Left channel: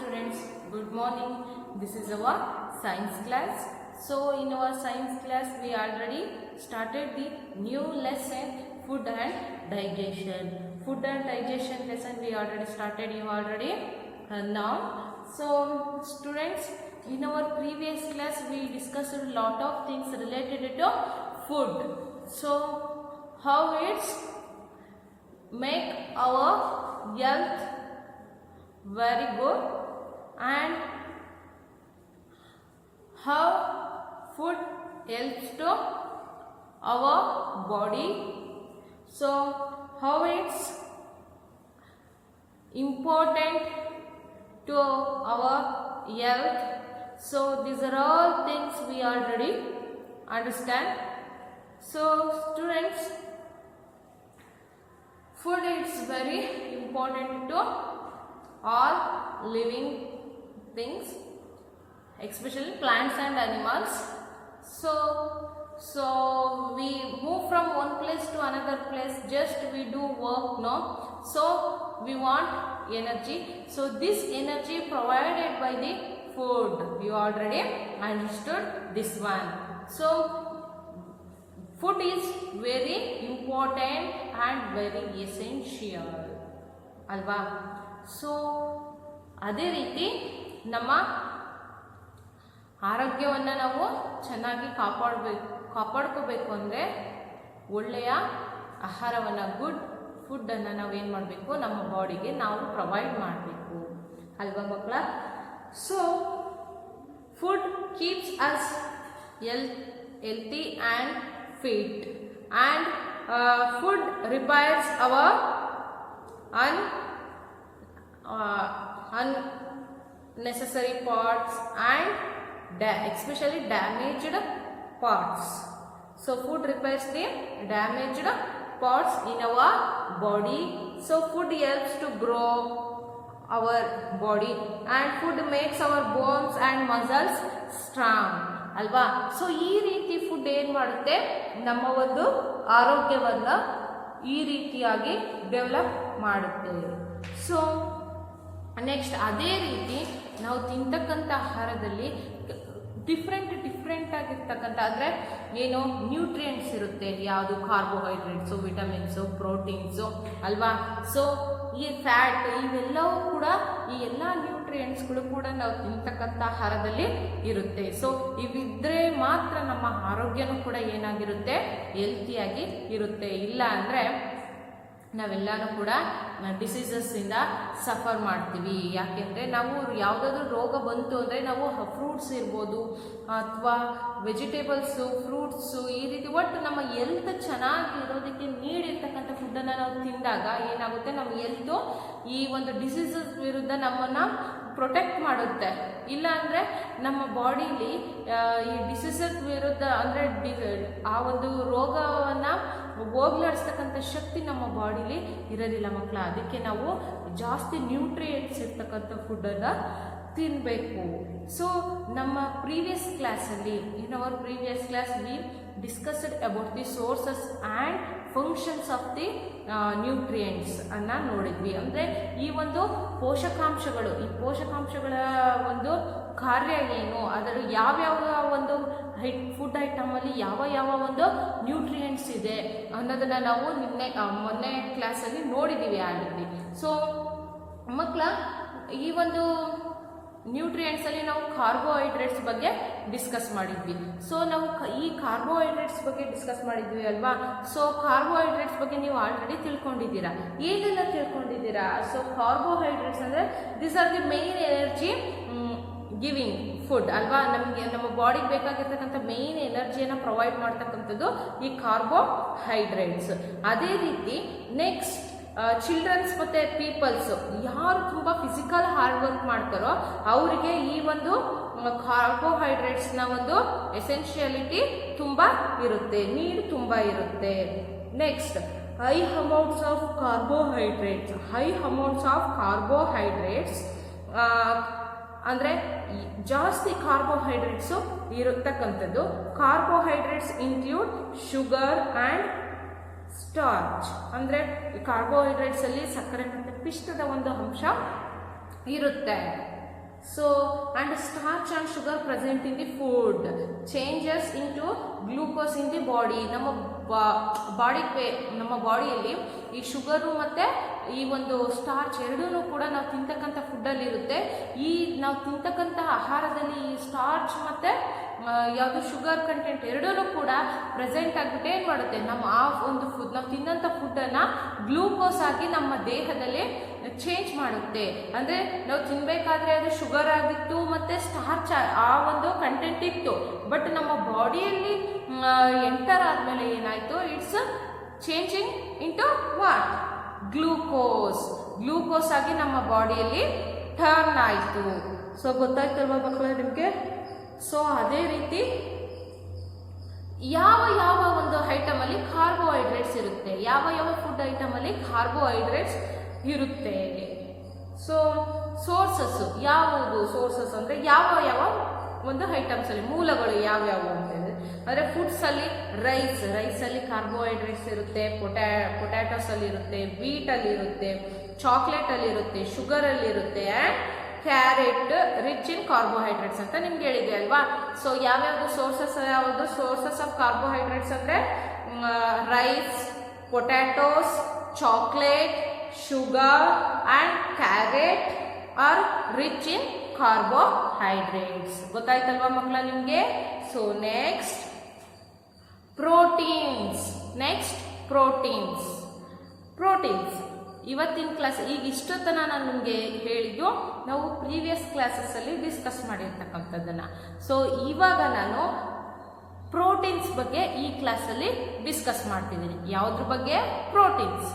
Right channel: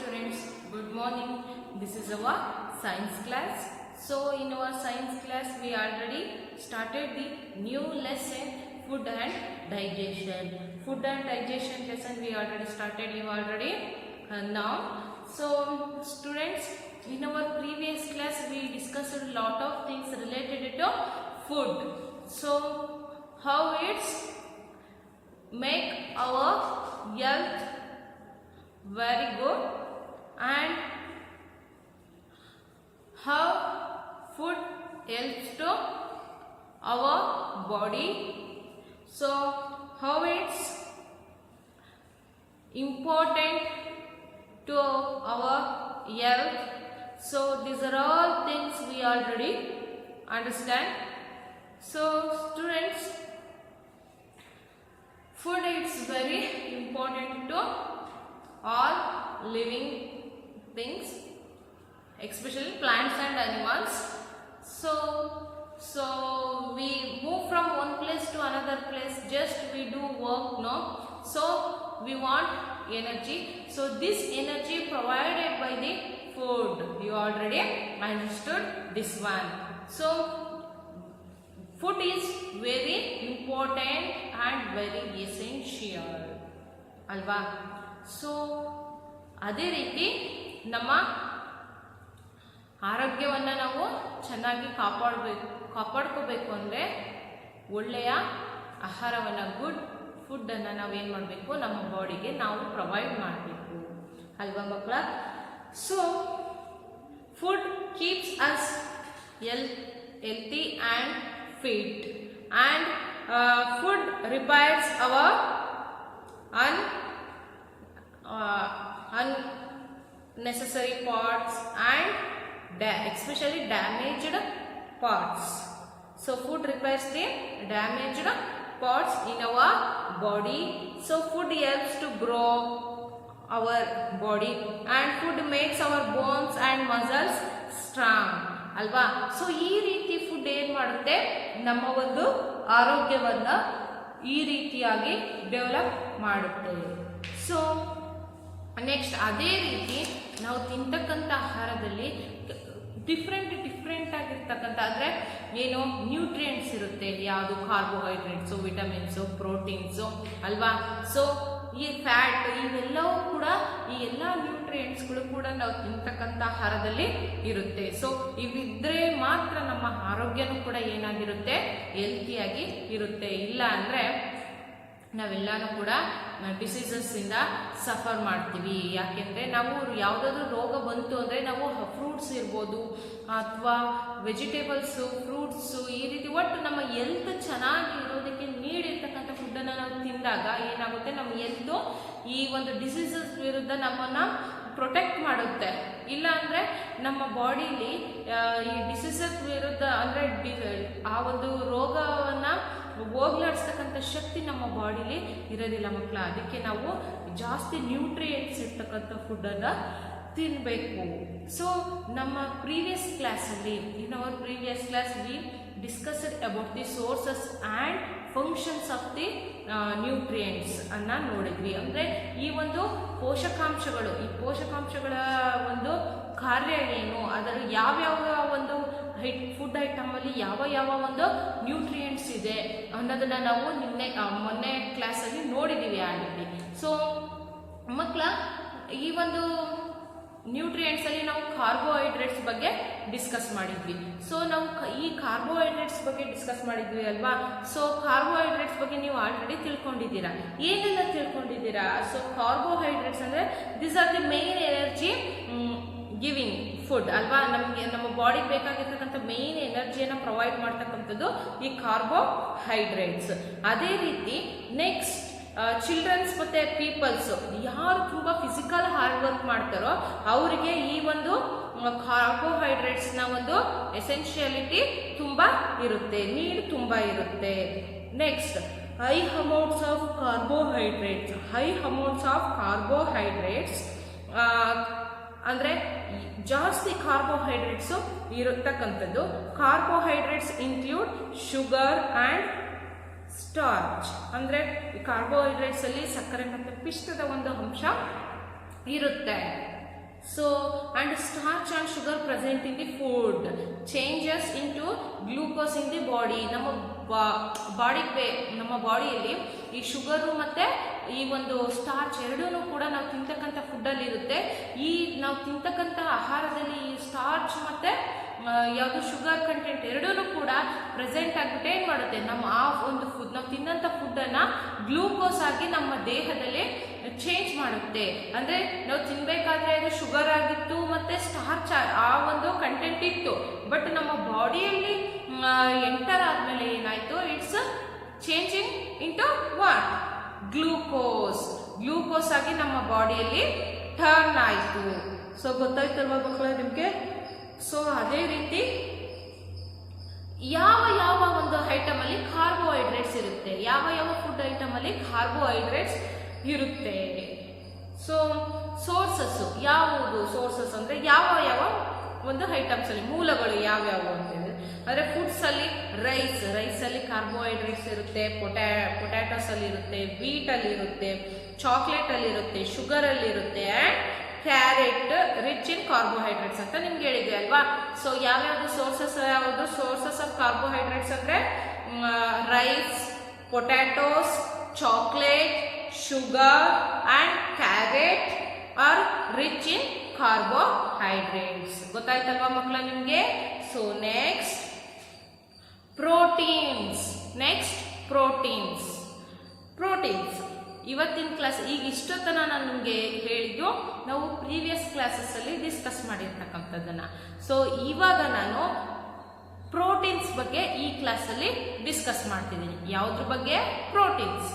students, good morning. This is our science class. So in our science class we already started the new lesson, food and digestion. Food and digestion lesson we already started, you already learned. So students, in our previous class we discussed a lot of things related to food. So how it's make our health very good and how food helps to our body. So how it's important to our health. So these are all things we already understand. So students, food is very important to all living things, especially plants and animals. So we move from one place to another place, just we do work, no? So we want energy. So this energy provided by the food, you already understood this one. So food is very important and very essential, alva? So ಅದೇ ರೀತಿ ನಮ್ಮ ಆರೋಗ್ಯವನ್ನು ನಾವು ಚೆನ್ನಾಗಿ ಕಾಪಾಡ್ಕೋಬೇಕು ಅಂದರೆ ಒಳ್ಳೆಯ ಆಹಾರವನ್ನು, good ಫುಡ್ಡನ್ನು ನಾವು ಏನು ಮಾಡಬೇಕು, ನಮ್ಮ ಬಾಡಿಗೆ ನಾವು ಪ್ರೊವೈಡ್ ಮಾಡಬೇಕು ಅಲ್ವಾ ಮಕ್ಕಳ? So food keeps us healthy and fit and food repairs our unnecessary parts and especially damaged parts. So food repairs the damaged parts in our body. So food helps to grow our body and food makes our bones and muscles strong, ಅಲ್ವಾ? So ಈ ರೀತಿ food ಏನು ಮಾಡುತ್ತೆ, ನಮ್ಮ ಒಂದು ಆರೋಗ್ಯವನ್ನು ಈ ರೀತಿಯಾಗಿ ಡೆವಲಪ್ ಮಾಡುತ್ತೆ. ಸೊ ನೆಕ್ಸ್ಟ್ ಅದೇ ರೀತಿ ನಾವು ತಿಂತಕ್ಕಂಥ ಆಹಾರದಲ್ಲಿ ಡಿಫ್ರೆಂಟ್ ಆಗಿರ್ತಕ್ಕಂಥ ಅಂದರೆ ಏನು ನ್ಯೂಟ್ರಿಯೆಂಟ್ಸ್ ಇರುತ್ತೆ, ಯಾವುದು ಕಾರ್ಬೋಹೈಡ್ರೇಟ್ಸು, ವಿಟಮಿನ್ಸು, ಪ್ರೋಟೀನ್ಸು, ಅಲ್ವಾ? ಸೊ ಈ ಫ್ಯಾಟ್ ಇವೆಲ್ಲವೂ ಕೂಡ, ಈ ಎಲ್ಲ ನ್ಯೂಟ್ರಿಯೆಂಟ್ಸ್ಗಳು ಕೂಡ ನಾವು ತಿಂತಕ್ಕಂಥ ಆಹಾರದಲ್ಲಿ ಇರುತ್ತೆ. ಸೊ ಇವಿದ್ರೆ ಮಾತ್ರ ನಮ್ಮ ಆರೋಗ್ಯನೂ ಕೂಡ ಏನಾಗಿರುತ್ತೆ, ಹೆಲ್ತಿಯಾಗಿ ಇರುತ್ತೆ. ಇಲ್ಲ ಅಂದರೆ ನಾವೆಲ್ಲನೂ ಕೂಡ ಡಿಸೀಸಸ್ಸಿಂದ ಸಫರ್ ಮಾಡ್ತೀವಿ. ಯಾಕೆಂದರೆ ನಾವು ಯಾವುದಾದ್ರೂ ರೋಗ ಬಂತು ಅಂದರೆ ನಾವು ಫ್ರೂಟ್ಸ್ ಇರ್ಬೋದು ಅಥವಾ ವೆಜಿಟೇಬಲ್ಸು, ಫ್ರೂಟ್ಸು, ಈ ರೀತಿ ಒಟ್ಟು ನಮ್ಮ ಹೆಲ್ತ್ ಚೆನ್ನಾಗಿ ಇರೋದಕ್ಕೆ ನೀಡಿರ್ತಕ್ಕಂಥ ಫುಡ್ಡನ್ನು ನಾವು ತಿಂದಾಗ ಏನಾಗುತ್ತೆ, ನಮ್ಮ ಹೆಲ್ತು ಈ ಒಂದು ಡಿಸೀಸಸ್ ವಿರುದ್ಧ ನಮ್ಮನ್ನು ಪ್ರೊಟೆಕ್ಟ್ ಮಾಡುತ್ತೆ. ಇಲ್ಲ ಅಂದರೆ ನಮ್ಮ ಬಾಡಿಲಿ ಈ ಡಿಸೀಸಸ್ ವಿರುದ್ಧ ಅಂದರೆ ಆ ಒಂದು ರೋಗವನ್ನು ಹೋಗ್ಲಾಡಿಸ್ತಕ್ಕಂಥ ಶಕ್ತಿ ನಮ್ಮ ಬಾಡಿಲಿ ಇರೋದಿಲ್ಲ ಮಕ್ಕಳ. ಅದಕ್ಕೆ ನಾವು ಜಾಸ್ತಿ ನ್ಯೂಟ್ರಿಯೆಂಟ್ಸ್ ಇರ್ತಕ್ಕಂಥ ಫುಡ್ಡನ್ನು ತಿನ್ನಬೇಕು. ಸೊ ನಮ್ಮ ಪ್ರೀವಿಯಸ್ ಕ್ಲಾಸಲ್ಲಿ, in our previous class we discussed about the sources and functions of the nutrients ಅನ್ನು ನೋಡಿದ್ವಿ. ಅಂದರೆ ಈ ಒಂದು ಪೋಷಕಾಂಶಗಳು, ಈ ಪೋಷಕಾಂಶಗಳ ಒಂದು ಕಾರ್ಯ ಏನು, ಅದರ ಯಾವ್ಯಾವ ಒಂದು ಫುಡ್ ಐಟಮಲ್ಲಿ ಯಾವ ಒಂದು ನ್ಯೂಟ್ರಿಯೆಂಟ್ಸ್ ಇದೆ ಅನ್ನೋದನ್ನು ನಾವು ಮೊನ್ನೆ ಕ್ಲಾಸಲ್ಲಿ ನೋಡಿದ್ದೀವಿ ಆಲ್ರೆಡಿ. ಸೊ ಮಕ್ಕಳ, ಈ ಒಂದು ನ್ಯೂಟ್ರಿಯೆಂಟ್ಸಲ್ಲಿ ನಾವು ಕಾರ್ಬೋಹೈಡ್ರೇಟ್ಸ್ ಬಗ್ಗೆ ಡಿಸ್ಕಸ್ ಮಾಡಿದ್ವಿ. ಸೊ ನಾವು ಈ ಕಾರ್ಬೋಹೈಡ್ರೇಟ್ಸ್ ಬಗ್ಗೆ ಡಿಸ್ಕಸ್ ಮಾಡಿದ್ವಿ ಅಲ್ವಾ? ಸೊ ಕಾರ್ಬೋಹೈಡ್ರೇಟ್ಸ್ ಬಗ್ಗೆ ನೀವು ಆಲ್ರೆಡಿ ತಿಳ್ಕೊಂಡಿದ್ದೀರಾ. ಏನೆಲ್ಲ ತಿಳ್ಕೊಂಡಿದ್ದೀರಾ? ಸೊ ಕಾರ್ಬೋಹೈಡ್ರೇಟ್ಸ್ ಅಂದರೆ this are the main energy giving food ಅಲ್ವಾ? ನಮಗೆ ನಮ್ಮ ಬಾಡಿಗೆ ಬೇಕಾಗಿರ್ತಕ್ಕಂಥ ಮೇನ್ ಎನರ್ಜಿಯನ್ನು ಪ್ರೊವೈಡ್ ಮಾಡ್ತಕ್ಕಂಥದ್ದು ಈ ಕಾರ್ಬೋಹೈಡ್ರೇಟ್ಸ್. ಅದೇ ರೀತಿ ನೆಕ್ಸ್ಟ್ ಚಿಲ್ಡ್ರನ್ಸ್ ಮತ್ತು ಪೀಪಲ್ಸು ಯಾರು ತುಂಬ ಫಿಸಿಕಲ್ ಹಾರ್ಡ್ ವರ್ಕ್ ಮಾಡ್ತಾರೋ ಅವರಿಗೆ ಈ ಒಂದು ಕಾರ್ಬೋಹೈಡ್ರೇಟ್ಸ್ನ ಒಂದು ಎಸೆನ್ಷಿಯಾಲಿಟಿ ತುಂಬ ಇರುತ್ತೆ, ನೀಡ್ ತುಂಬ ಇರುತ್ತೆ. Next high amounts of carbohydrates ಅಂದರೆ ಜಾಸ್ತಿ ಕಾರ್ಬೋಹೈಡ್ರೇಟ್ಸು ಇರತಕ್ಕಂಥದ್ದು. Carbohydrates include sugar and starch. ಅಂದರೆ ಕಾರ್ಬೋಹೈಡ್ರೇಟ್ಸಲ್ಲಿ ಸಕ್ಕರೆ ಮತ್ತು ಪಿಷ್ಟದ ಒಂದು ಅಂಶ ಇರುತ್ತೆ. So, and starch and sugar present in the food changes into glucose in the body. ನಮ್ಮ ಬಾಡಿಯಲ್ಲಿ ಈ ಶುಗರು ಮತ್ತು ಈ ಒಂದು ಸ್ಟಾರ್ಚ್ ಎರಡೂ ಕೂಡ ನಾವು ತಿಂತಕ್ಕಂಥ ಫುಡ್ಡಲ್ಲಿ ಇರುತ್ತೆ. ಈ ನಾವು ತಿಂತಕ್ಕಂಥ ಆಹಾರದಲ್ಲಿ ಈ ಸ್ಟಾರ್ಚ್ ಮತ್ತು ಯಾವುದು ಶುಗರ್ ಕಂಟೆಂಟ್ ಎರಡೂ ಕೂಡ ಪ್ರೆಸೆಂಟ್ ಆಗಿಬಿಟ್ಟು ಏನು ಮಾಡುತ್ತೆ, ನಮ್ಮ ಆ ಒಂದು ಫುಡ್ ನಾವು ತಿನ್ನಂಥ ಫುಡ್ಡನ್ನು ಗ್ಲೂಕೋಸ್ ಆಗಿ ನಮ್ಮ ದೇಹದಲ್ಲಿ ಚೇಂಜ್ ಮಾಡುತ್ತೆ. ಅಂದರೆ ನಾವು ತಿನ್ನಬೇಕಾದ್ರೆ ಅದು ಶುಗರ್ ಆಗಿತ್ತು ಮತ್ತು ಸ್ಟಾರ್ಚ್ ಆ ಒಂದು ಕಂಟೆಂಟ್ ಇತ್ತು, ಬಟ್ ನಮ್ಮ ಬಾಡಿಯಲ್ಲಿ ಎಂಟರ್ ಆದಮೇಲೆ ಏನಾಯಿತು, it's changing into what, glucose ಆಗಿ ನಮ್ಮ ಬಾಡಿಯಲ್ಲಿ ಟರ್ನ್ ಆಯಿತು. ಸೊ ಗೊತ್ತಾಯ್ತಲ್ವಾ ಮಕ್ಕಳೇ ನಿಮಗೆ? ಸೊ ಅದೇ ರೀತಿ ಯಾವ ಒಂದು ಐಟಮಲ್ಲಿ ಕಾರ್ಬೋಹೈಡ್ರೇಟ್ಸ್ ಇರುತ್ತೆ, ಯಾವ ಫುಡ್ ಐಟಮಲ್ಲಿ ಕಾರ್ಬೋಹೈಡ್ರೇಟ್ಸ್ ಇರುತ್ತೆ. ಸೊ ಸೋರ್ಸಸ್ಸು ಯಾವುದು, ಸೋರ್ಸಸ್ ಅಂದರೆ ಯಾವ ಒಂದು ಐಟಮ್ಸಲ್ಲಿ ಮೂಲಗಳು ಯಾವ್ಯಾವು ಅಂತ ಹೇಳಿದ್ರೆ, ಅಂದರೆ ಫುಡ್ಸಲ್ಲಿ ರೈಸಲ್ಲಿ ಕಾರ್ಬೋಹೈಡ್ರೇಟ್ಸ್ ಇರುತ್ತೆ, ಪೊಟ್ಯಾಟೋಸಲ್ಲಿ ಇರುತ್ತೆ, ವೀಟಲ್ಲಿ ಇರುತ್ತೆ, ಚಾಕ್ಲೇಟಲ್ಲಿ ಇರುತ್ತೆ, ಶುಗರಲ್ಲಿ ಇರುತ್ತೆ, and carrot rich in carbohydrates ಅಂತ ನಿಮ್ಗೆ ಹೇಳಿದೆ ಅಲ್ವಾ. ಸೊ ಯಾವ್ಯಾವುದು ಸೋರ್ಸಸ್ ಆಫ್ ಕಾರ್ಬೋಹೈಡ್ರೇಟ್ಸ್ ಅಂದರೆ rice, potatoes, chocolate, sugar and carrot are rich in carbohydrates. ಗೊತ್ತಾಯ್ತಲ್ವಾ ಮಕ್ಕಳ ನಿಮಗೆ? ಸೊ ನೆಕ್ಸ್ಟ್ ಪ್ರೋಟೀನ್ಸ್ ಇವತ್ತಿನ ಕ್ಲಾಸ್ ಈಗ ಇಷ್ಟೊತ್ತನ ನಾನು ನಿಮಗೆ ಹೇಳಿದ್ದು ನಾವು ಪ್ರೀವಿಯಸ್ ಕ್ಲಾಸಸ್ಸಲ್ಲಿ ಡಿಸ್ಕಸ್ ಮಾಡಿರ್ತಕ್ಕಂಥದ್ದನ್ನು. ಸೊ ಇವಾಗ ನಾನು ಪ್ರೋಟೀನ್ಸ್ ಬಗ್ಗೆ ಈ ಕ್ಲಾಸಲ್ಲಿ ಡಿಸ್ಕಸ್ ಮಾಡ್ತಿದ್ದೀನಿ. ಯಾವುದ್ರ ಬಗ್ಗೆ? Proteins.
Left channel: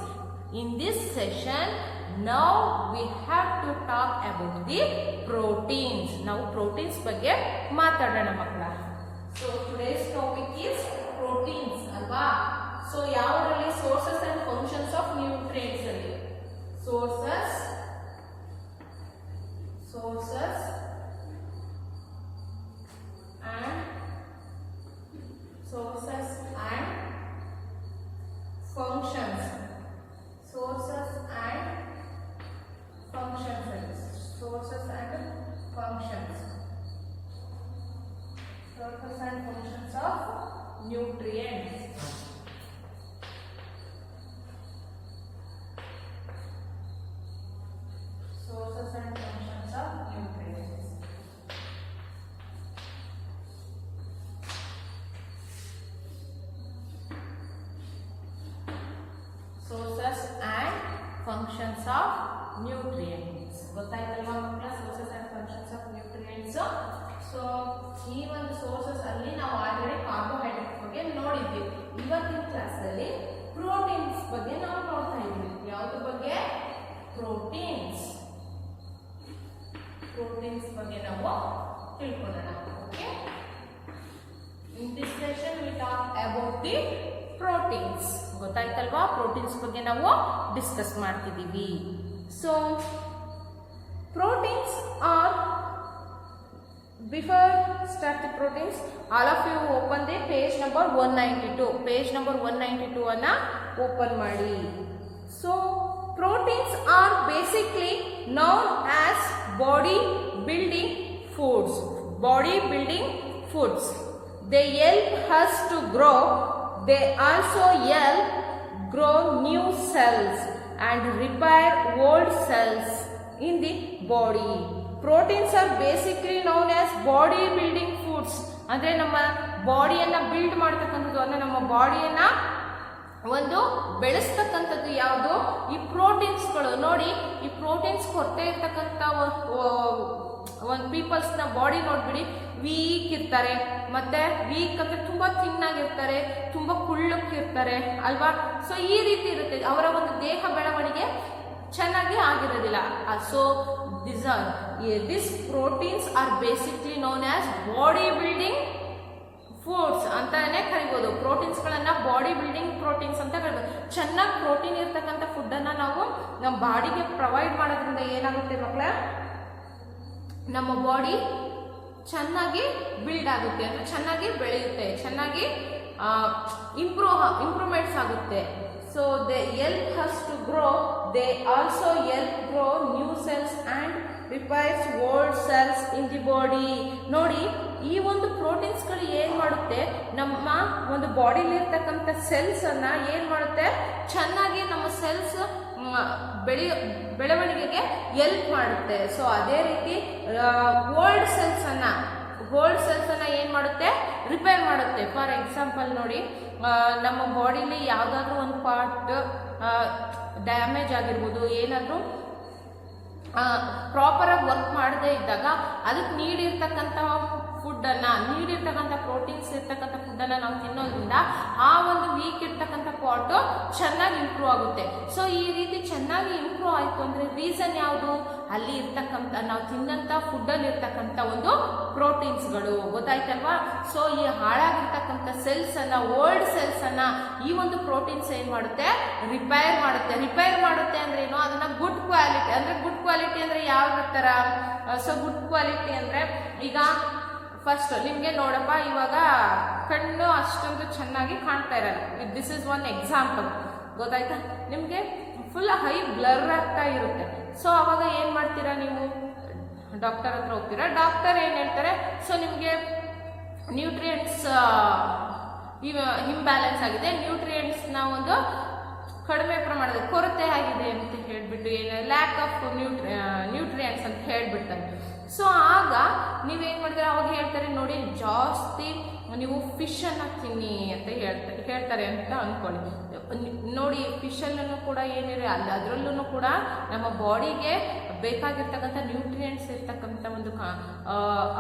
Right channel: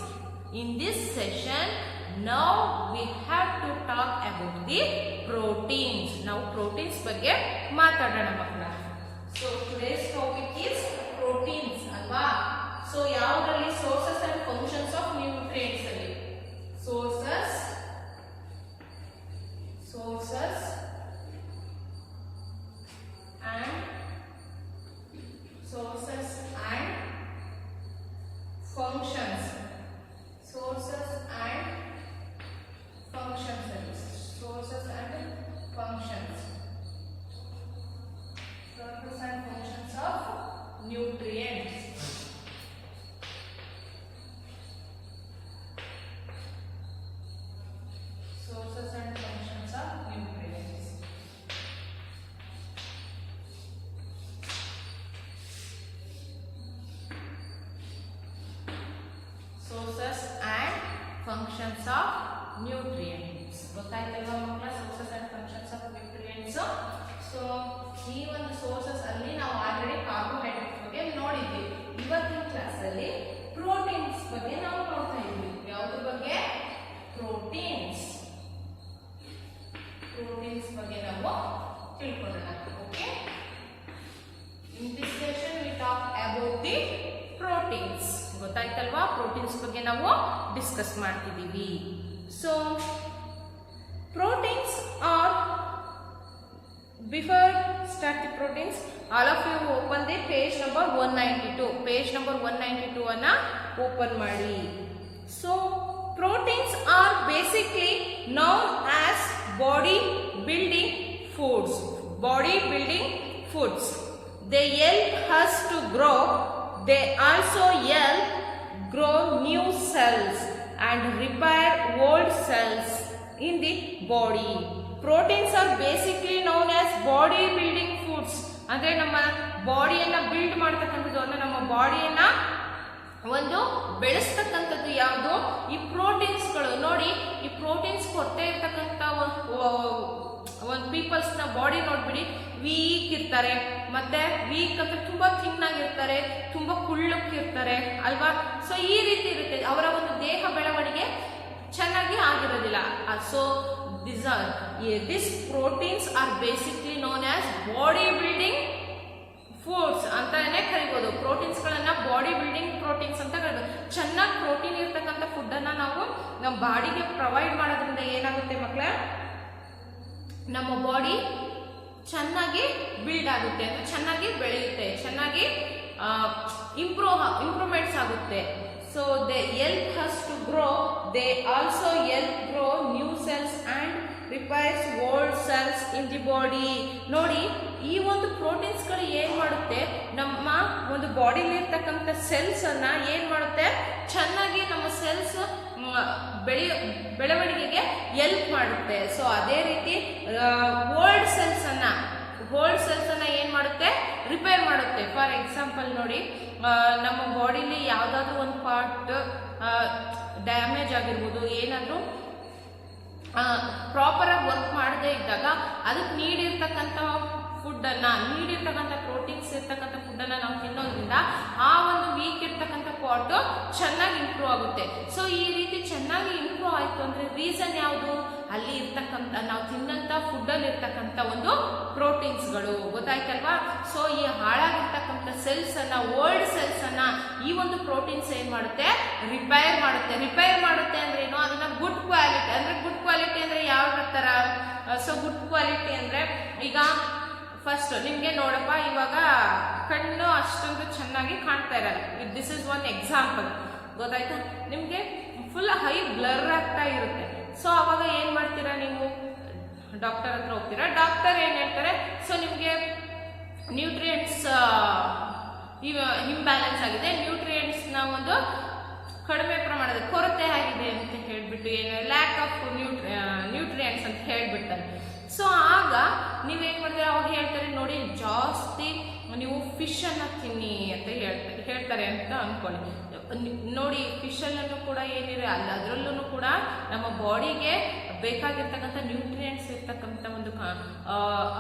In this session now we have to talk about the proteins. ನಾವು ಪ್ರೋಟೀನ್ಸ್ ಬಗ್ಗೆ ಮಾತಾಡೋಣ ಮಕ್ಕಳ. So today's topic is proteins ಅಲ್ವಾ. ಸೊ ಯಾವುದರಲ್ಲಿ? Sources and functions of nutrients ಅಲ್ಲಿ sources and functions. Sources and functions of nutrients. Sources and functions of nutrients. Sources and functions of nutrients. ಗೊತ್ತಾಯ್ತಲ್ವಾ ಮಕ್ಕಳ? Sources and functions of nutrients. So ಈ ಒಂದು sources ಅಲ್ಲಿ ನಾವು already carbohydrates ಬಗ್ಗೆ ನೋಡಿದ್ವಿ. ಇವತ್ತಿನ ಕ್ಲಾಸಲ್ಲಿ ಪ್ರೋಟೀನ್ಸ್ ಬಗ್ಗೆ ನಾವು ನೋಡ್ತಾ ಇದ್ವಿ. ಯಾವುದ್ರ ಬಗ್ಗೆ? ಪ್ರೋಟೀನ್ಸ್ ಬಗ್ಗೆ ನಾವು ತಿಳ್ಕೊಳ್ಳೋಣ. Okay, in this session we talk about the proteins. ಗೊತ್ತಾಯ್ತಲ್ವಾ? ಪ್ರೋಟೀನ್ಸ್ ಬಗ್ಗೆ ನಾವು ಡಿಸ್ಕಸ್ ಮಾಡ್ತಿದ್ದೀವಿ. So proteins are, before start the proteins, all of you open the page number 192. Page number 192 ಅನ್ನ open ಮಾಡಿ. So proteins are basically known as body building foods. They help us to grow. They also help grow new cells and repair old cells in the body. Proteins are basically known as body building foods. ಅಂದ್ರೆ ನಮ್ಮ ಬಾಡಿಯನ್ನ build ಮಾಡ್ತಕ್ಕಂಥದ್ದು, ಅಂದ್ರೆ ನಮ್ಮ ಬಾಡಿಯನ್ನ ಒಂದು ಬೆಳೆಸ್ತಕ್ಕಂಥದ್ದು ಯಾವುದು? ಈ ಪ್ರೋಟೀನ್ಸ್ಗಳು. ನೋಡಿ, ಈ ಪ್ರೋಟೀನ್ಸ್ ಕೊರತೆ ಇರ್ತಕ್ಕಂಥ ಒಂದು ಪೀಪಲ್ಸ್ನ ಬಾಡಿ ನೋಡ್ಬಿಡಿ, ವೀಕ್ ಇರ್ತಾರೆ. ಮತ್ತೆ ವೀಕ್ ಅಂದ್ರೆ ತುಂಬಾ ಥಿನ್ನಾಗಿರ್ತಾರೆ, ತುಂಬಾ ಕುಳ್ಳಕ್ಕಿರ್ತಾರೆ ಅಲ್ವಾ. ಸೊ ಈ ರೀತಿ ಇರುತ್ತೆ ಅವರ ಒಂದು ದೇಹ ಬೆಳವಣಿಗೆ ಚೆನ್ನಾಗಿ ಆಗಿರೋದಿಲ್ಲ. So this proteins are basically known as body building foods ಅಂತಾನೆ ಕರಿಬೋದು. ಪ್ರೋಟೀನ್ಸ್ಗಳನ್ನ ಬಾಡಿ ಬಿಲ್ಡಿಂಗ್ ಪ್ರೋಟೀನ್ಸ್ ಅಂತ ಕರಿಬೋದು. ಚೆನ್ನಾಗಿ ಪ್ರೋಟೀನ್ ಇರ್ತಕ್ಕಂಥ ಫುಡ್ಡನ್ನು ನಾವು ನಮ್ಮ ಬಾಡಿಗೆ ಪ್ರೊವೈಡ್ ಮಾಡೋದ್ರಿಂದ ಏನಾಗುತ್ತೆ ಮಕ್ಕಳೇ? ನಮ್ಮ ಬಾಡಿ ಚೆನ್ನಾಗಿ ಬಿಲ್ಡ್ ಆಗುತ್ತೆ, ಅಂದರೆ ಚೆನ್ನಾಗಿ ಬೆಳೆಯುತ್ತೆ, ಚೆನ್ನಾಗಿ ಇಂಪ್ರೂವ್ಮೆಂಟ್ಸ್ ಆಗುತ್ತೆ. So they help us to grow. They also help grow new cells and repairs old cells in the body. ನೋಡಿ, ಈ ಒಂದು ಪ್ರೋಟೀನ್ಸ್ಗಳು ಏನು ಮಾಡುತ್ತೆ, ನಮ್ಮ ಒಂದು ಬಾಡಿಲಿ ಇರ್ತಕ್ಕಂಥ ಸೆಲ್ಸನ್ನು ಏನು ಮಾಡುತ್ತೆ, ಚೆನ್ನಾಗಿ ನಮ್ಮ ಸೆಲ್ಸ್ ಬೆಳವಣಿಗೆಗೆ ಹೆಲ್ಪ್ ಮಾಡುತ್ತೆ. ಸೊ ಅದೇ ರೀತಿ ಓಲ್ಡ್ ಸೆಲ್ಸನ್ನು ಏನು ಮಾಡುತ್ತೆ, ರಿಪೇರ್ ಮಾಡುತ್ತೆ. ಫಾರ್ ಎಕ್ಸಾಂಪಲ್ ನೋಡಿ, ನಮ್ಮ ಬಾಡಿಲಿ ಯಾವುದಾದ್ರೂ ಒಂದು ಪಾರ್ಟ್ ಡ್ಯಾಮೇಜ್ ಆಗಿರ್ಬೋದು, ಏನಾದರೂ ಪ್ರಾಪರಾಗಿ ವರ್ಕ್ ಮಾಡದೇ ಇದ್ದಾಗ ಅದಕ್ಕೆ ನೀಡಿರ್ತಕ್ಕಂಥ ಪ್ರೋಟೀನ್ಸ್ ಇರ್ತಕ್ಕಂಥ ಫುಡ್ಡನ್ನು ನಾವು ತಿನ್ನೋದ್ರಿಂದ ಆ ಒಂದು ವೀಕ್ ಇರ್ತಕ್ಕಂಥ ಪಾರ್ಟು ಚೆನ್ನಾಗಿ ಇಂಪ್ರೂವ್ ಆಗುತ್ತೆ. ಸೊ ಈ ರೀತಿ ಚೆನ್ನಾಗಿ ಇಂಪ್ರೂವ್ ಆಯಿತು ಅಂದರೆ ರೀಸನ್ ಯಾವುದು, ಅಲ್ಲಿ ಇರ್ತಕ್ಕಂಥ ನಾವು ತಿನ್ನಂಥ ಫುಡ್ಡಲ್ಲಿ ಇರ್ತಕ್ಕಂಥ ಒಂದು ಪ್ರೋಟೀನ್ಸ್ಗಳು, ಗೊತ್ತಾಯ್ತಲ್ವಾ. ಸೊ ಈ ಹಾಳಾಗಿರ್ತಕ್ಕಂಥ ಸೆಲ್ಸನ್ನು, ಓಲ್ಡ್ ಸೆಲ್ಸನ್ನು ಈ ಒಂದು ಪ್ರೋಟೀನ್ಸ್ ಏನು ಮಾಡುತ್ತೆ, ರಿಪೇರ್ ಮಾಡುತ್ತೆ ಅಂದ್ರೆ ಏನು, ಅದನ್ನ ಗುಡ್ ಕ್ವಾಲಿಟಿ ಅಂದರೆ ಯಾವ ಥರ. ಸೊ ಗುಡ್ ಕ್ವಾಲಿಟಿ ಅಂದರೆ ಈಗ ಫಸ್ಟ್ ನಿಮಗೆ ನೋಡಪ್ಪ, ಇವಾಗ ಕಣ್ಣು ಅಷ್ಟೊಂದು ಚೆನ್ನಾಗಿ ಕಾಣ್ತಾ ಇರಲ್ಲ. ದಿಸ್ ಇಸ್ ಒನ್ ಎಕ್ಸಾಂಪಲ್, ಗೊತ್ತಾಯ್ತಾ. ನಿಮಗೆ ಫುಲ್ ಹೈ ಬ್ಲರ್ ಆಗ್ತಾ ಇರುತ್ತೆ. ಸೊ ಅವಾಗ ಏನು ಮಾಡ್ತೀರಾ, ನೀವು ಡಾಕ್ಟರ್ ಹತ್ರ ಹೋಗ್ತೀರಾ. ಡಾಕ್ಟರ್ ಏನು ಹೇಳ್ತಾರೆ, ಸೊ ನಿಮಗೆ ನ್ಯೂಟ್ರಿಯೆಂಟ್ಸ್ ಇಂಬ್ಯಾಲೆನ್ಸ್ ಆಗಿದೆ, ನ್ಯೂಟ್ರಿಯೆಂಟ್ಸ್ನ ಒಂದು ಕಡಿಮೆ ಪ್ರಮಾಣದ ಕೊರತೆ ಆಗಿದೆ ಅಂತ ಹೇಳಿಬಿಟ್ಟು, ಏನು ಲ್ಯಾಕ್ ಆಫ್ ನ್ಯೂಟ್ರಿಯೆಂಟ್ಸ್ ಅಂತ ಹೇಳಿಬಿಡ್ತಾರೆ. ಸೊ ಆಗ ನೀವೇನು ಮಾಡ್ತೀರಾ, ಅವಾಗ ಹೇಳ್ತಾರೆ ನೋಡಿ, ಜಾಸ್ತಿ ನೀವು ಫಿಶನ್ನು ತಿನ್ನಿ ಅಂತ ಹೇಳ್ತಾರೆ ಅಂತ ಅಂದ್ಕೊಳ್ಳಿ. ನೋಡಿ, ಫಿಶಲ್ಲೂ ಕೂಡ ಏನಿದೆ ಅಲ್ಲ, ಅದರಲ್ಲೂ ಕೂಡ ನಮ್ಮ ಬಾಡಿಗೆ ಬೇಕಾಗಿರ್ತಕ್ಕಂಥ ನ್ಯೂಟ್ರಿಯೆಂಟ್ಸ್ ಇರ್ತಕ್ಕಂಥ ಒಂದು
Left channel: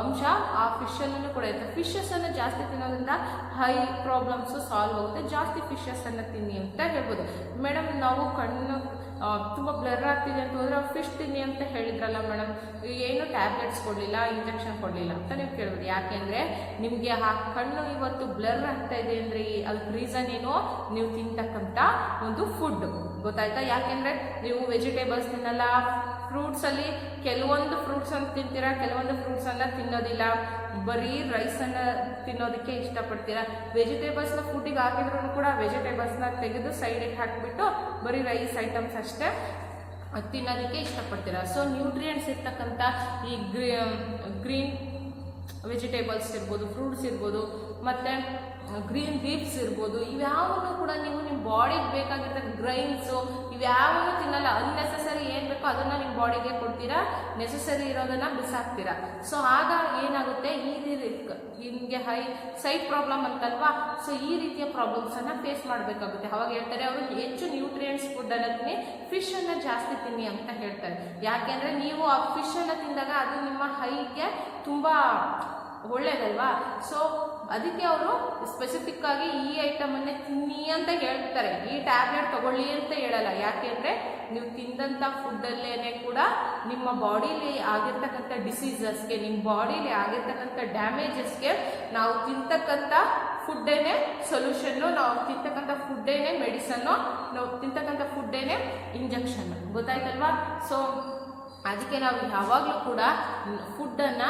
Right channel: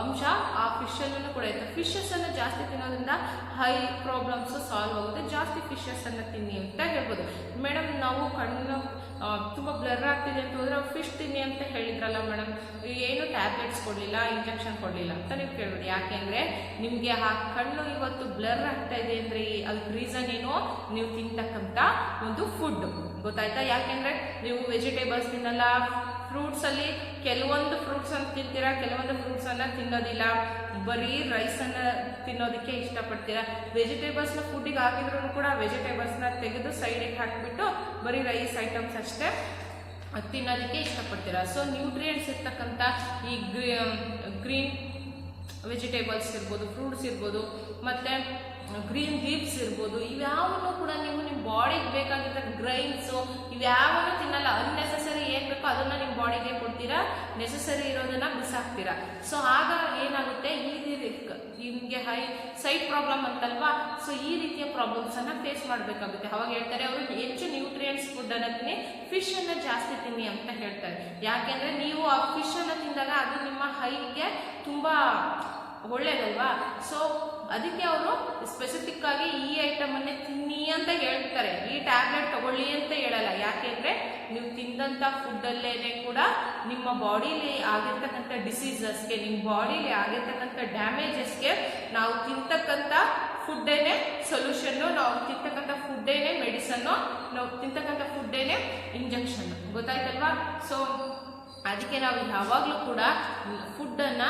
ಅಂಶ ಆ ಫಿಶಲ್ಲೂ ಕೂಡ ಇರುತ್ತೆ. ಫಿಶಸ್ಸನ್ನು ಜಾಸ್ತಿ ತಿನ್ನೋದ್ರಿಂದ ಹೈ ಪ್ರಾಬ್ಲಮ್ಸು ಸಾಲ್ವ್ ಆಗುತ್ತೆ. ಜಾಸ್ತಿ ಫಿಶಸ್ಸನ್ನು ತಿನ್ನಿ ಅಂತ ಹೇಳ್ಬೋದು. ಮೇಡಮ್, ನಾವು ಕಣ್ಣು ತುಂಬ ಬ್ಲರ್ ಆಗ್ತಿದೆ ಅಂತ ಹೋದ್ರೆ ಫಿಶ್ ತಿನ್ನಿ ಅಂತ ಹೇಳಿದ್ರಲ್ಲ ಮೇಡಮ್, ಏನು ಟ್ಯಾಬ್ಲೆಟ್ಸ್ ಕೊಡಲಿಲ್ಲ, ಇಂಜೆಕ್ಷನ್ ಕೊಡಲಿಲ್ಲ ಅಂತ ನೀವು ಕೇಳ್ಬೋದು. ಯಾಕೆಂದರೆ ನಿಮಗೆ ಆ ಕಣ್ಣು ಇವತ್ತು ಬ್ಲರ್ ಆಗ್ತಾ ಇದೆ ಅಂದರೆ ಅದಕ್ಕೆ ರೀಸನ್ ಏನು, ನೀವು ತಿಂತಕ್ಕಂಥ ಒಂದು ಫುಡ್, ಗೊತ್ತಾಯ್ತಾ. ಯಾಕೆಂದರೆ ನೀವು ವೆಜಿಟೇಬಲ್ಸ್ ತಿನ್ನಲ್ಲ, ಫ್ರೂಟ್ಸಲ್ಲಿ ಕೆಲವೊಂದು ಫ್ರೂಟ್ಸನ್ನು ತಿಂತೀರಾ, ಕೆಲವೊಂದು ಫ್ರೂಟ್ಸನ್ನು ತಿನ್ನೋದಿಲ್ಲ, ಬರೀ ರೈಸನ್ನು ತಿನ್ನೋದಕ್ಕೆ ಇಷ್ಟಪಡ್ತೀರಾ. ವೆಜಿಟೇಬಲ್ಸ್ನ ಫುಡ್ಡಿಗೆ ಹಾಕಿದ್ರೂ ಕೂಡ ವೆಜಿಟೇಬಲ್ಸ್ನ ತೆಗೆದು ಸೈಡಿಗೆ ಹಾಕಿಬಿಟ್ಟು ಬರೀ ರೈಸ್ ಐಟಮ್ಸ್ ಅಷ್ಟೇ ತಿನ್ನೋದಕ್ಕೆ ಇಷ್ಟಪಡ್ತೀರಾ. ಸೊ ನ್ಯೂಟ್ರಿಯೆಂಟ್ಸ್ ಇರ್ತಕ್ಕಂಥ ಈ ಗ್ರೀನ್ ವೆಜಿಟೇಬಲ್ಸ್ ಇರ್ಬೋದು, ಫ್ರೂಟ್ಸ್ ಇರ್ಬೋದು, ಮತ್ತು ಗ್ರೀನ್ ಲೀವ್ಸ್ ಇರ್ಬೋದು, ಇವ್ಯಾವನ್ನೂ ಕೂಡ ನೀವು ನಿಮ್ಮ ಬಾಡಿಗೆ ಬೇಕಾಗಿರ್ತಕ್ಕ ಗ್ರೈನ್ಸು ಇವ್ಯಾವನ್ನೂ ತಿನ್ನಲ್ಲ. ಅನ್ನೆಸೆಸರಿ ಏನು ಬೇಕೋ ಅದನ್ನು ನಿಮ್ಮ ಬಾಡಿಗೆ ಕೊಡ್ತೀರಾ, ನೆಸೆಸರಿ ಇರೋದನ್ನು ಬಿಸಾಕ್ತೀರಾ. ಸೊ ಆಗ ಏನಾಗುತ್ತೆ, ನಿಮಗೆ ಹೈ ಸೈಟ್ ಪ್ರಾಬ್ಲಮ್ ಅಂತಲ್ವಾ. ಸೊ ಈ ರೀತಿಯ ಪ್ರಾಬ್ಲಮ್ಸನ್ನು ಫೇಸ್ ಮಾಡಬೇಕಾಗುತ್ತೆ. ಅವಾಗ ಹೇಳ್ತಾರೆ ಅವರು ಹೆಚ್ಚು ನ್ಯೂಟ್ರಿಯೆಂಟ್ಸ್ ಫುಡ್ಡನ್ನು ತಿನ್ನಿ, ಫಿಶನ್ನು ಜಾಸ್ತಿ ತಿನ್ನಿ ಅಂತ ಹೇಳ್ತಾರೆ. ಯಾಕೆಂದರೆ ನೀವು ಆ ಫಿಶನ್ನು ತಿಂದಾಗ ಅದು ನಿಮ್ಮ ಹೈಗೆ ತುಂಬ ಒಳ್ಳೇದಲ್ವಾ. ಸೊ ಅದಕ್ಕೆ ಅವರು ಸ್ಪೆಸಿಫಿಕ್ ಆಗಿ ಈ ಐಟಮನ್ನೇ ತಿನ್ನಿ ಅಂತ ಹೇಳ್ತಾರೆ, ಈ ಟ್ಯಾಬ್ಲೆಟ್ ತಗೊಳ್ಳಿ ಅಂತ ಹೇಳಲ್ಲ. ಯಾಕೆಂದರೆ ನೀವು ತಿಂದಂಥ ಫುಡ್ಡಲ್ಲೇ ಕೂಡ ನಿಮ್ಮ ಬಾಡಿಲಿ ಆಗಿರ್ತಕ್ಕಂಥ ಡಿಸೀಸಸ್ಗೆ, ನಿಮ್ಮ ಬಾಡಿಲಿ ಆಗಿರ್ತಕ್ಕಂಥ ಡ್ಯಾಮೇಜಸ್ಗೆ ನಾವು ತಿಂತಕ್ಕಂಥ ಫುಡ್ಡೇನೆ ಸೊಲ್ಯೂಷನ್ನು, ನಾವು ತಿಂತಕ್ಕಂಥ ಫುಡ್ಡೇನೆ ಮೆಡಿಸನ್ನು, ನಾವು ತಿಂತಕ್ಕಂಥ ಫುಡ್ಡೇನೆ ಇಂಜೆಕ್ಷನ್ನು, ಗೊತ್ತಾಯ್ತಲ್ವಾ. ಸೊ ಅದಕ್ಕೆ ನಾವು ಯಾವಾಗಲೂ ಕೂಡ ಫುಡ್ಡನ್ನು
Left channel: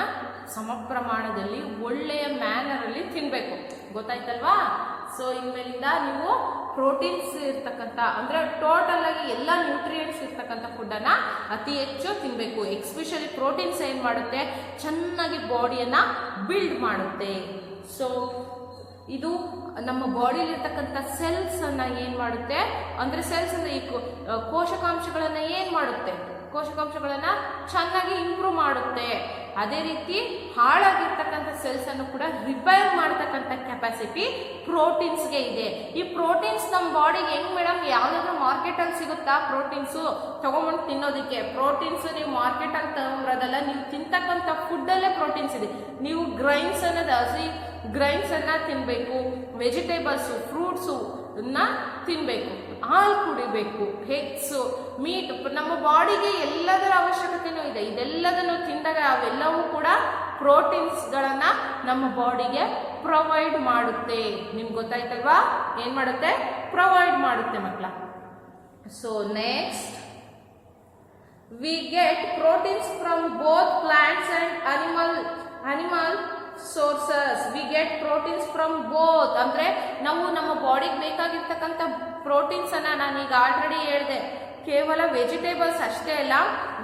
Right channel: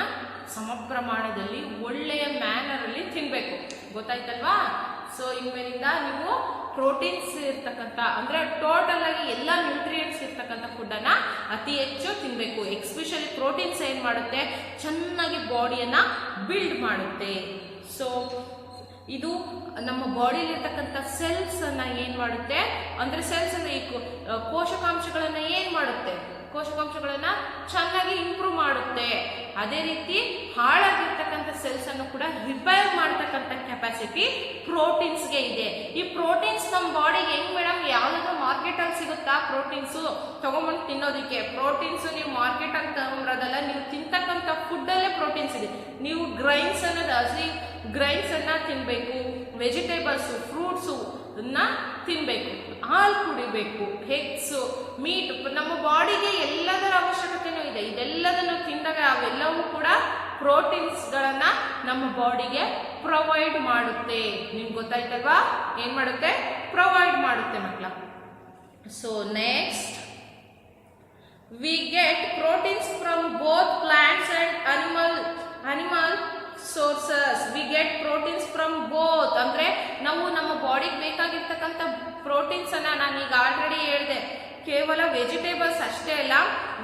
ಸಮ ಪ್ರಮಾಣದಲ್ಲಿ ಒಳ್ಳೆಯ ಮ್ಯಾನರಲ್ಲಿ ತಿನ್ನಬೇಕು, ಗೊತ್ತಾಯ್ತಲ್ವಾ. ಸೊ ಇನ್ಮೇಲಿಂದ ನೀವು ಪ್ರೋಟೀನ್ಸ್ ಇರ್ತಕ್ಕಂಥ ಅಂದರೆ ಟೋಟಲ್ ಆಗಿ ಎಲ್ಲ ನ್ಯೂಟ್ರಿಯೆಂಟ್ಸ್ ಇರ್ತಕ್ಕಂಥ ಫುಡ್ಡನ್ನು ಅತಿ ಹೆಚ್ಚು ತಿನ್ನಬೇಕು. ಎಕ್ಸ್ಪೆಷಲಿ ಪ್ರೋಟೀನ್ಸ್ ಏನು ಮಾಡುತ್ತೆ, ಚೆನ್ನಾಗಿ ಬಾಡಿಯನ್ನು ಬಿಲ್ಡ್ ಮಾಡುತ್ತೆ. ಸೊ ಇದು ನಮ್ಮ ಬಾಡಿಲಿರ್ತಕ್ಕಂಥ ಸೆಲ್ಸನ್ನು ಏನು ಮಾಡುತ್ತೆ ಅಂದರೆ, ಸೆಲ್ಸ್ ಅಂದರೆ ಈ ಕೋಶಕಾಂಶಗಳನ್ನು ಏನು ಮಾಡುತ್ತೆ, ಕೋಶಕಾಂಶಗಳನ್ನು ಚೆನ್ನಾಗಿ ಇಂಪ್ರೂವ್ ಮಾಡುತ್ತೆ. ಅದೇ ರೀತಿ ಹಾಳಾಗಿರ್ತಕ್ಕಂಥ ಸೆಲ್ಸನ್ನು ಕೂಡ ರಿಪೇರ್ ಮಾಡ್ತಕ್ಕಂಥ ಕೆಪಾಸಿಟಿ ಪ್ರೋಟೀನ್ಸ್ಗೆ ಇದೆ. ಈ ಪ್ರೋಟೀನ್ಸ್ ನಮ್ಮ ಬಾಡಿಗೆ ಹೆಂಗೆ ಮೇಡಮ್, ಯಾವುದಾದ್ರೂ ಮಾರ್ಕೆಟಲ್ಲಿ ಸಿಗುತ್ತಾ ಪ್ರೋಟೀನ್ಸು ತೊಗೊಂಬಂದು ತಿನ್ನೋದಕ್ಕೆ? ಪ್ರೋಟೀನ್ಸು ನೀವು ಮಾರ್ಕೆಟಲ್ಲಿ ತಗೊಂಬರೋದಲ್ಲ, ನೀವು ತಿಂತಕ್ಕಂಥ ಫುಡ್ಡಲ್ಲೇ ಪ್ರೋಟೀನ್ಸ್ ಇದೆ. ನೀವು ಗ್ರೈನ್ಸ್ ಅನ್ನೋದು ಹಸಿ ಗ್ರೈನ್ಸನ್ನು ತಿನ್ನಬೇಕು, ವೆಜಿಟೇಬಲ್ಸು ಫ್ರೂಟ್ಸು ತಿನ್ನಬೇಕು, ಹಾಲು ಕುಡಿಬೇಕು, ಎಗ್ಸು, ಮೀಟ್, ನಮ್ಮ ಬಾಡಿಗೆ ಎಲ್ಲದರ ಅವಶ್ಯಕತೆಯೂ ಇದೆ. ಇದೆಲ್ಲದನ್ನು ತಿಂದಾಗ ಅವೆಲ್ಲವೂ ಕೂಡ ಪ್ರೋಟೀನ್ಸ್ಗಳನ್ನು ನಮ್ಮ ಬಾಡಿಗೆ ಪ್ರೊವೈಡ್ ಮಾಡುತ್ತೆ. ನಿಮ್ಗೆ ಗೊತ್ತಾಯ್ತಲ್ವಾ, ಏನು ಮಾಡುತ್ತೆ, ಪ್ರೊವೈಡ್ ಮಾಡುತ್ತೆ ಮಕ್ಕಳ. So next we get proteins from both plants and animal sources. We get proteins from both ಅಂದರೆ ನಾವು ನಮ್ಮ ಬಾಡಿಗೆ ಬೇಕಾಗಿರ್ತಕ್ಕಂಥ ಪ್ರೋಟೀನ್ಸನ್ನು ನಾನೀಗ ಆಲ್ರೆಡಿ ಹೇಳಿದೆ, ಕೇವಲ ವೆಜಿಟೇಬಲ್ಸ್ ಅಷ್ಟೇ ಅಲ್ಲ,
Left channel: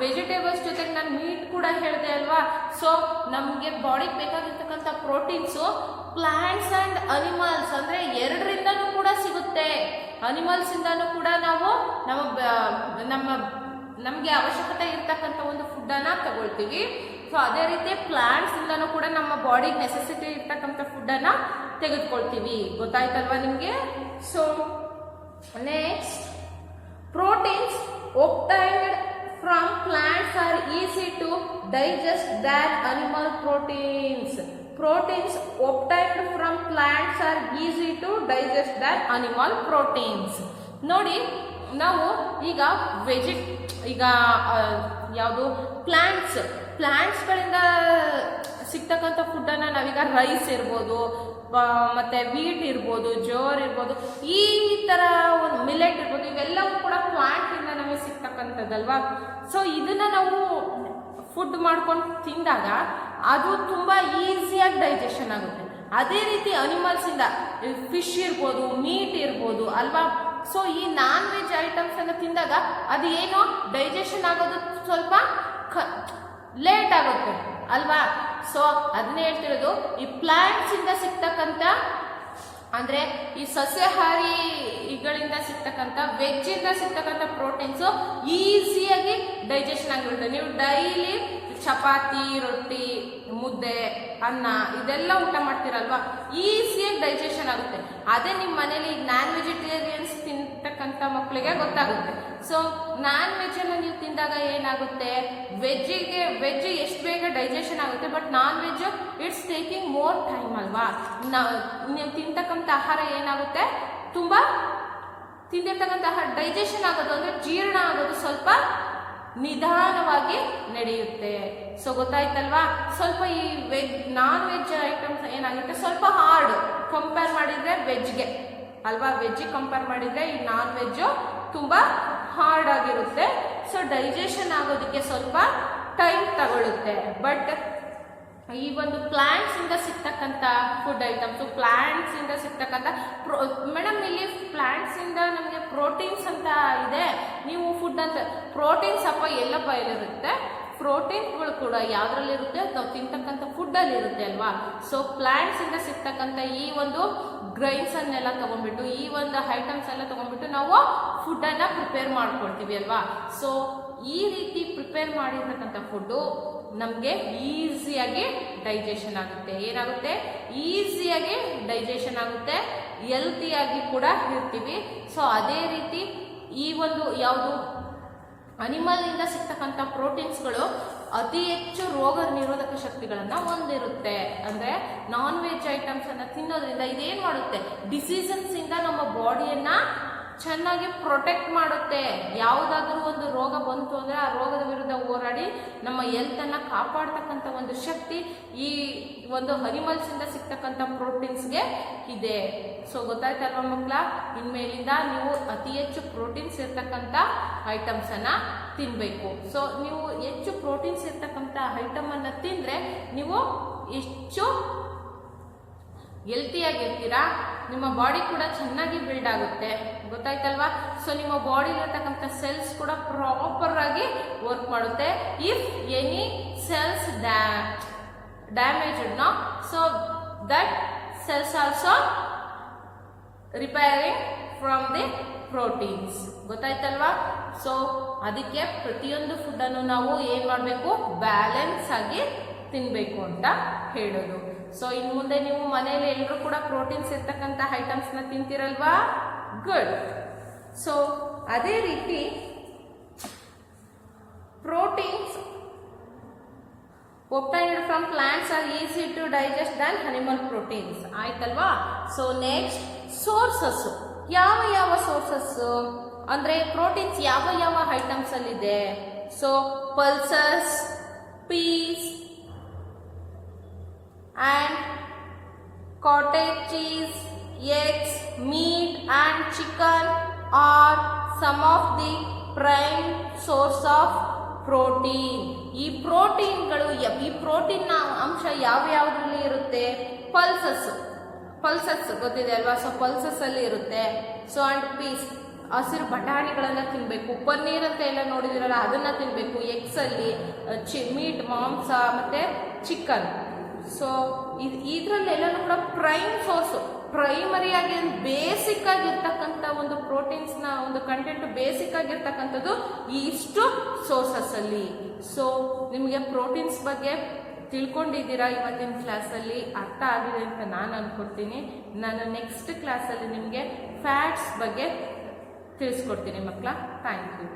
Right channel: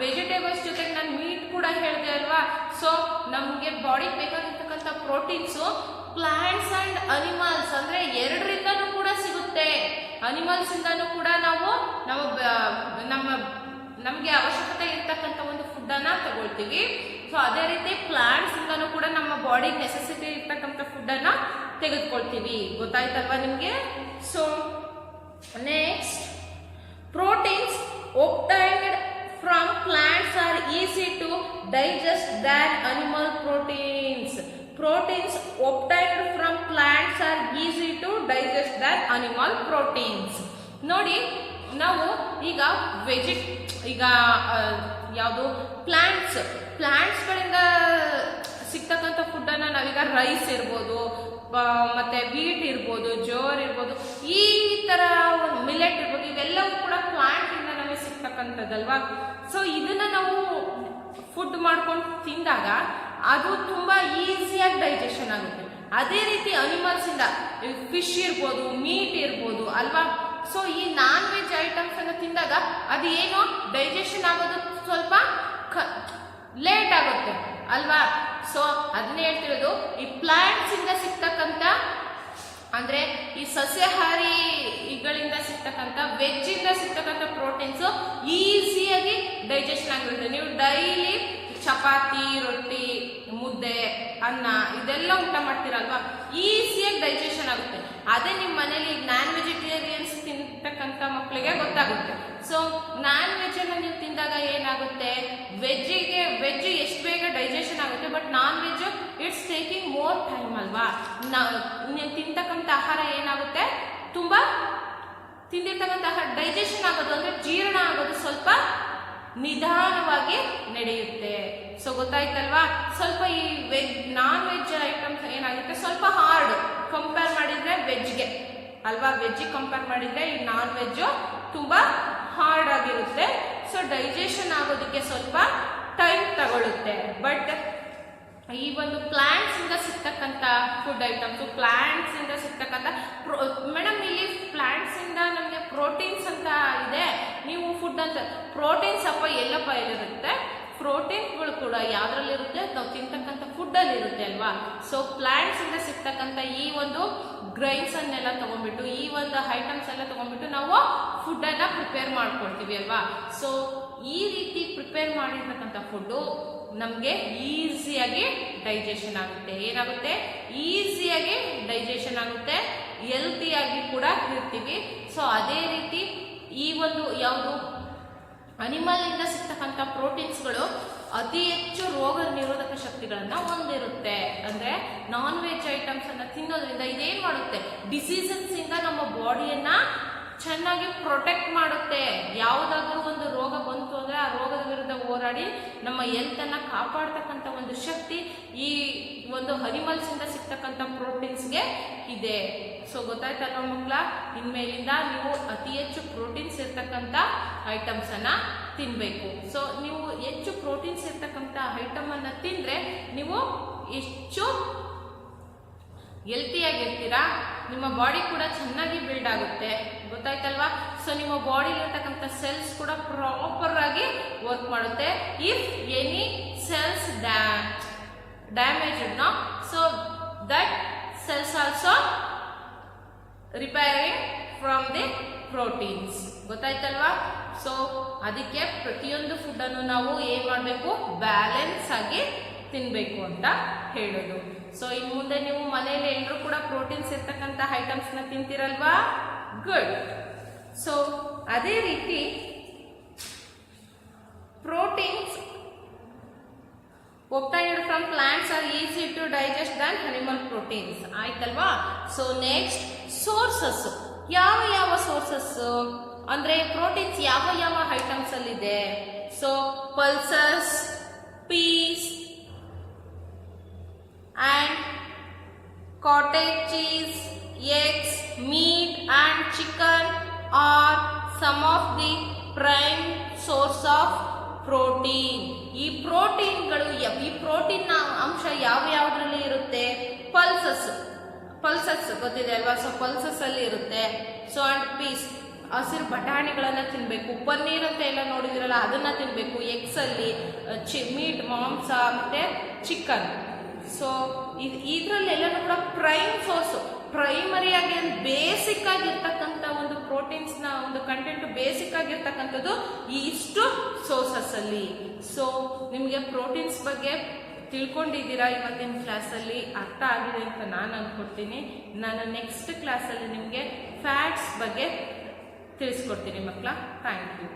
ವೆಜಿಟೇಬಲ್ಸ್ ಜೊತೆಗೆ ನಾನು ಮೀಟ್ ಕೂಡ ಕೂಡ ಹೇಳಿದೆ ಅಲ್ವಾ. ಸೊ ನಮಗೆ ಬಾಡಿಗೆ ಬೇಕಾಗಿರ್ತಕ್ಕಂಥ ಪ್ರೋಟೀನ್ಸು ಪ್ಲಾಂಟ್ಸ್ ಅಂಡ್ ಅನಿಮಲ್ಸ್ ಅಂದ್ರೆ ಎರಡರಿಂದನೂ ಕೂಡ ಸಿಗುತ್ತೆ. ಅನಿಮಲ್ಸ್ ಇಂದನೂ ಕೂಡ ನಾವು ನಮಗೆ ಅವಶ್ಯಕತೆ ಇರ್ತಕ್ಕಂಥ ಒಂದು ಫುಡ್ ಅನ್ನ ತಗೊಳ್ತೀವಿ. ಸೊ ಅದೇ ರೀತಿ ಪ್ಲಾಂಟ್ಸ್ ಇಂದನೂ ಕೂಡ ನಮ್ಮ ಬಾಡಿಗೆ ನೆಸೆಸಿಟಿ ಇರ್ತಕ್ಕಂಥ ಫುಡ್ ಅನ್ನ ತೆಗೆದುಕೊಳ್ತೀವಿ. ಗೊತ್ತಾಯ್ತಲ್ವಾ ನಿಮ್ಗೆ. So next, proteins obtained from plants are easy to digest than animal proteins. Proteins obtained from plants are easy to digest than animal proteins. ನೋಡಿ, ನಾವು ಈಗ ಯಾವುದು ಪ್ಲಾಂಟ್ಸ್ಗಳಿಂದ ಸಿಗ್ತಕ್ಕಂಥ ಫುಡ್ಡನ್ನು ನಾವೀಗ ರೈಸ್ ಇರ್ಬೋದು, ಮತ್ತೆ ವೀಟ್ ಇರ್ಬೋದು, ಜೋರ್ ಇರ್ಬೋದು, ಈ ತರ ಒಂದು ಮಿಲೆಟ್ ಇರ್ಬೋದು, ಇವೆಲ್ಲವೂ ಕೂಡ ಪ್ಲಾಂಟ್ ಇಂದ ನಮಗೆ ಸಿಗ್ತಕ್ಕಂಥದ್ದಲ್ವಾ. ಸೊ ಇದನ್ನ ನಾವು ಫುಡ್ ಮಾಡ್ಕೊಂಡು ತಿಂದಾಗ ಅದು ತುಂಬಾ ಈಸಿಯಾಗಿ ಡೈಜೆಷನ್ ಆಗುತ್ತೆ. ಅದೇ ರೀತಿ ಅನಿಮಲ್ಸ್ ಇಂದ ಫಿಶ್ ಇರ್ಬೋದು, ಮೀಟ್ ಇರ್ಬೋದು ಅಲ್ವಾ. ಸೊ ಈ ನಾನ್ ವೆಜ್ ಐಟಮ್ಸ್ ಅನ್ನು ತಿಂದಾಗ ಅದು ಏನೋ ಡೈಜೆಷನ್ ಆಗೋದು ಸ್ವಲ್ಪ ಲೇಟ್ ಆಗುತ್ತೆ ಅಲ್ವಾ. ಸೊ ಅದನ್ನ ಹೇಳ್ತಿರೋದು, ಈ ಪ್ಲಾಂಟ್ಸ್ ಇಂದ ಸಿಗ್ತಕ್ಕಂಥ ಅಂದ್ರೆ ಈ ಸಸ್ಯಾಹಾರಿಗಳಿಂದ ಸಿಗ್ತಕ್ಕಂಥ ವೆಜ್ ಇಂದ ಸಿಗ್ತಕ್ಕಂಥ ಪ್ರೋಟೀನ್ಸ್ ಈಸಿಯಾಗಿ ಡೈಜೆಷನ್ ಆಗಿರುತ್ತೆ. ನೀವು ಡೈಲಿ ಚಪಾತಿ, ರೊಟ್ಟಿ, ಮುದ್ದೆ, ಅನ್ನ ಇದೆಲ್ಲ ಊಟ ಮಾಡ್ತೀರಲ್ವಾ, ಈಸಿಯಾಗಿ ಡೈಜೆಷನ್ ಆಗುತ್ತೆ. ಅದೇ ನಿಮ್ಮ ಮನೇಲಿ ನಾನ್ ವೆಜಿಟೇರಿಯನ್ಸ್ ತಿಂತಕ್ಕಂಥ ಮಕ್ಕಳಿಗೆ ಗೊತ್ತಾಗುತ್ತೆ. ಸೊ ನಾನ್ ವೆಜ್ ಅನ್ನು ನೀವು ತಿಂದಾಗ ಏನಾಗುತ್ತೆ, ವೆಜ್ ಎಷ್ಟು ಬೇಗ ಡೈಜೆಷನ್ ಆಗುತ್ತೆ, but non veg it's taking more time ಅಲ್ವಾ. ನೀವು ತಿಂತಕ್ಕಂಥ ಆಹಾರ ಏನಾಗುತ್ತೆ, ತುಂಬಾ ತಿಂದಿರ್ತಕ್ಕಂಥ ಆಹಾರ ಡೈಜೆಷನ್ ಆಗೋದು ಅಂದ್ರೆ ಜೀರ್ಣ ಆಗೋದು ಸ್ವಲ್ಪ ನಿಧಾನವಾಗಿ ನಡೆಯುತ್ತೆ. ಸೊ ಗೊತ್ತಾಯ್ತಲ್ವಾ. ಸ್ವಲ್ಪ ಈ ನಾನ್ ವೆಜ್ ಐಟಮ್ಸ್ ಏನಾಗುತ್ತೆ, ಸ್ವಲ್ಪ ಹಾರ್ಡ್ ಕಂಪೇರ್ ಮಾಡಿದ್ರೆ ವೆಜ್ಗೆ ಅಲ್ವಾ. ವೆಜ್ ಕಂಪೇರ್ ಮಾಡಿದ್ರೆ ಈ ನಾನ್ ವೆಜ್ ತುಂಬಾ ಹಾರ್ಡ್ ಆಗಿರುತ್ತೆ. ಸೊ ಡೈಜೆಷನ್ ಆಗೋದಕ್ಕೆ ಸ್ವಲ್ಪ ಟೈಮ್ ತಗೊಳ್ಳುತ್ತೆ. ಬಟ್ ಈ ಒಂದು ಪ್ಲಾಂಟ್ಸ್ ಇಂದ ಸಿಗ್ತಕ್ಕಂಥ ಫುಡ್ ಐಟಮ್ಸ್, ಪ್ಲಾಂಟ್ಸ್ ಇಂದ ಸಿಗ್ತಕ್ಕಂಥ ಮೇಡಮ್ ಇಲ್ಲಿ ಪ್ಲಾಂಟ್ಸ್ ಇಂದ ನಮಗೆ ಪ್ರೋಟೀನ್ಸ್ ಅಂತ ಇದೆ, ನೀವು ಫುಡ್ ಅಂತ ಪ್ರೋಟೀನ್ಸ್ ಅಪ್ಪ ಎಲ್ಲಪ್ಪ ಎಲ್ಲಿರುತ್ತೆ, ಪ್ರೋಟೀನ್ಗಳು ಕೂಡ ಯಾವ್ದ್ರಲ್ಲಿರುತ್ತೆ, ನಾವು ತಿಂತಕ್ಕಂಥ ಫುಡ್ಡಲ್ಲಿ ಇರುತ್ತೆ ಅಲ್ವಾ. ಸೊ ಪ್ಲಾಂಟ್ಸ್ ಇಂದ ಸಿಗ್ತಕ್ಕಂಥ ಈ ಒಂದು ಗ್ರೈನ್ಸ್ ಅನ್ನೆಲ್ಲ ತಗೊಂಡ್ಬಿಟ್ಟು, ಈ ಒಂದು ಐಟಮ್ಸ್ ಎಲ್ಲ ತಗೊಂಡ್ಬಿಟ್ಟು ನಾವು ಫುಡ್ ಅನ್ನ ಪ್ರಿಪೇರ್ ಮಾಡ್ಕೊಳ್ತೀವಿ ಅಲ್ವಾ. ಸೊ ಈ ರೀತಿ ಪ್ರಿಪೇರ್ ಮಾಡಿರ್ತಕ್ಕಂಥ ಫುಡ್ಡು ನಮಗೆ ಈಸಿಯಾಗಿ ಡೈಜೆಷನ್ ಆಗುತ್ತೆ. ಏನಾಗುತ್ತೆ, ಈಸಿಯಾಗಿ ಡೈಜೆಷನ್ ಆಗುತ್ತೆ, ಹೆಲ್ತಿಯಾಗಿ ಕೂಡ ಇರ್ತೀವಿ. ಸೊ ಅದೇ ರೀತಿ ಈ ಒಂದು ಯಾವುದು ಅನಿಮಲ್ ಇಂದ ಸಿಗ್ತಕ್ಕಂಥ ಪ್ರೋಟೀನ್ಸ್ಗಳು ಅತಿ ಹೆಚ್ಚು ರೋಗ ನಿರೋಧಕ ಶಕ್ತಿಗಳನ್ನ ಹೊಂದಿರುತ್ತೆ. ಅಂದ್ರೆ ನಾನ್ ವೆಜ್ ಐಟಮ್ಸ್ ಅನ್ನ ತಿನ್ನೋದ್ರಿಂದ ಇದೇನ್ ಮಾಡುತ್ತೆ, ಡಿಸೀಸಸ್ ಇಂದ ನಮ್ಮ ಬಾಡಿಯನ್ನ ಚೆನ್ನಾಗಿ ಪ್ರೊಟೆಕ್ಟ್ ಮಾಡುತ್ತೆ. ಯಾವುದಾದ್ರೂ ಒಂದು ರೋಗ ಬಂತು ಅಂದ್ರೆ ಆ ರೋಗದ ವಿರುದ್ಧ ಹೋರಾಡಿ ನಮ್ಮ ಹೆಲ್ತ್ ಅನ್ನ ಕಾಪಾಡ್ತಕ್ಕಂಥ ಒಂದು ಶಕ್ತಿ ಈ ಒಂದು ಅನಿಮಲ್ಸ್ ಇಂದ ಸಿಗ್ತಕ್ಕಂಥ ಪ್ರೋಟೀನ್ಸ್ಗೆ ಇದೆ. ಸೊ ಗೊತ್ತಾಯ್ತಲ್ವ ಮಕ್ಕಳ, ಇನ್ಮೇಲಿಂದ ನೀವು ಅತಿ ಹೆಚ್ಚು ಪ್ರೋಟೀನ್ಸ್ ಇರ್ತಕ್ಕಂಥ ಐಟಮ್ಸ್ ಅನ್ನ ತಿನ್ಬೇಕು. ಸೊ ನೀವು ಹೆಚ್ಚು ಪ್ರೋಟೀನ್ಸ್ ಇರ್ತಕ್ಕಂಥ ಐಟಮ್ ಅನ್ನ ತಿಂದ್ರೆ ನೀವು ಹೆಚ್ಚು ಹೆಲ್ತಿಯಾಗಿರ್ತೀರಾ, ನಿಮ್ಮ ಬಾಡಿ ಕೂಡ ಚೆನ್ನಾಗಿ ಬಿಲ್ಡ್ ಆಗುತ್ತೆ. ಗೊತ್ತಾಯ್ತಲ್ವಾ. ಸೊ ನಿಮ್ಮ ಬಾಡಿಲಿರ್ತಕ್ಕಂಥ ಸೆಲ್ಸ್ ಕೂಡ ಪ್ರಾಪರ್ ಆಗಿ ವರ್ಕ್ ಮಾಡುತ್ತೆ. If any cells damaged no, so that cells also repairing from the proteins. ಗೊತ್ತಾಯ್ತಲ್ವಾ. ಸೊ ಅದಕ್ಕೆ ಪ್ರತಿಯೊಂದು ಫುಡ್ಡನ್ನು ನಾವು ಏನ್ ಮಾಡಬೇಕು, ಬ್ಯಾಲೆನ್ಸ್ ಆಗಿ ತಿನ್ಬೇಕು ಅಂತ ಹೇಳೋದು. ಸೊ ಇನ್ ಮುಂದೆ ನೀವು ಮನೆಯಲ್ಲಿ ಎಲ್ಲರೂ ಕೂಡ ಪ್ರೋಟೀನ್ಸ್ ಇರ್ತಕ್ಕಂಥ ಐಟಮ್ಸ್ ನ ತಿಂತಿರಲ್ವಾ, ಗುಡ್. ಸೊ ಅದೇ ರೀತಿ proteins obtained from plants are easy to digest than animal proteins. ಆಯ್ತಲ್ವಾ. So next, sources. ಯಾವ ಸೋರ್ಸಸ್ ಅಂದ್ರೆ ಪ್ರೋಟೀನ್ಸ್ ಯಾವ ಐಟಮ್ಸ್ ಅಲ್ಲಿ ಇದೆ. So pulses, peas and cottage cheese, eggs, meat and chicken are some of the prime source of protein. ಈ ಪ್ರೋಟೀನ್ಗಳು, ಈ protein ಅಂಶ ಯಾವ್ದ್ರಲ್ಲಿ ಇರುತ್ತೆ, ಪಲ್ಸಸ್ ಗೊತ್ತಿದೆ ಅಲ್ವಾ. ಸೊ ಪಲ್ಸಸ್ ಅಲ್ಲಿ ಇರುತ್ತೆ. ಸೊ ಅಂಡ್ ಪೀಸ್ ಹಸಿರು ಬಟಾಣಿಗಳನ್ನು ತಿನ್ನಬೇಕು, ಪನ್ನೀರ್ ಅಂತ ಎಲ್ಲ ನೋಡಿದಿರಲ್ಲ ಅದನ್ನು ತಿನ್ನಬೇಕು, ಎಗ್ಸಲ್ಲಿ ಮೀಟ್ ಮಾಂಸ ಮತ್ತು ಚಿಕನ್. ಸೊ ಇದರಲ್ಲೆಲ್ಲನೂ ಕೂಡ ಪ್ರೈಮ್ ಸೋರ್ಸು, ಪ್ರೈಮರಿಯಾಗಿ ಬೇಸಿಕ್ ಆಗಿರ್ತಕ್ಕಂಥ ಒಂದು ಪ್ರೋಟೀನ್ಸ್ನ ಒಂದು ಕಂಟೆಂಟ್ ಬೇಸಿಕ್ ಆಗಿರ್ತಕ್ಕಂಥದ್ದು ಈ ಇಷ್ಟು ಸೋರ್ಸಸ್ಸಲ್ಲಿ. ಸೊ ನಿಮಗೆ ಪ್ರೋಟೀನ್ಸ್ ಬಗ್ಗೆ ತಿಳ್ಕೊಂಡಿದ್ದೀರಾ, ಇವತ್ತಿನ ಕ್ಲಾಸಲ್ಲಿ ಅರ್ಥ ಆಗಿದೆ ಅಂತ ನಾನು ಅಂದ್ಕೊಡ್ತೀನಿ. ನಾನು ನೆಕ್ಸ್ಟ್ ಕ್ಲಾಸಲ್ಲಿ ನಿಮಗೆ ಫ್ಯಾಟ್ಸ್ ಬಗ್ಗೆ ತಿಳಿಸ್ಕೊಡ್ತೀನಿ ಮಕ್ಕಳ. Thank you.